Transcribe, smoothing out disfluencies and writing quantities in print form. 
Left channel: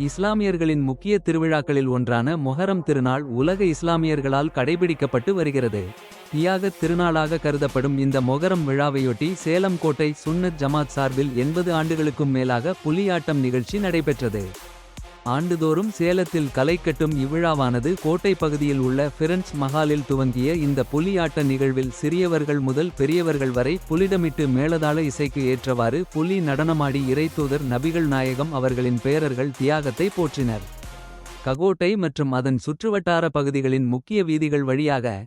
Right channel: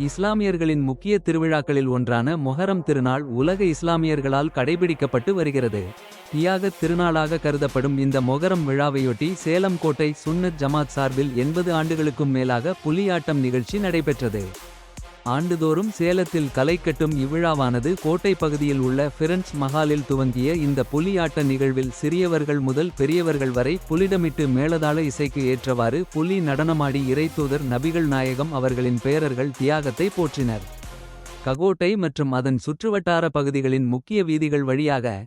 இஸ்லாமியர்களின் முக்கிய திருவிழாக்களில் ஒன்றான மொஹரம் திருநாள் உலக இஸ்லாமியர்களால் கடைபிடிக்கப்பட்டு வருகிறது. தியாகத் திருநாளாக கருதப்படும் இந்த மொகரம் விழாவையொட்டி சேலம் கோட்டை சுன்னத் ஜமாத் சார்பில் 80 ஆண்டுகளுக்கும் மேலாக புலியாட்டம் நிகழ்ச்சி நடைபெற்றது. ஆண்டுதோறும் சேலத்தில் களைகட்டும் இவ்விழாவானது கோட்டை பகுதியில் உள்ள ஃபிரண்ட்ஸ் மஹாலில் துவங்கிய இந்த புலியாட்ட நிகழ்வில் சிறியவர்கள் முதல் பெரியவர்கள் வரை புலிடமிட்டு மேளதாள இசைக்கு ஏற்றவாறு புலி நடனமாடி இறைத்தூதர் நபிகள் நாயகம் அவர்களின் பேரர்கள் தியாகத்தை போற்றினர். ககோட்டை மற்றும் அதன் சுற்றுவட்டார பகுதிகளின் முக்கிய வீதிகள் வழியாக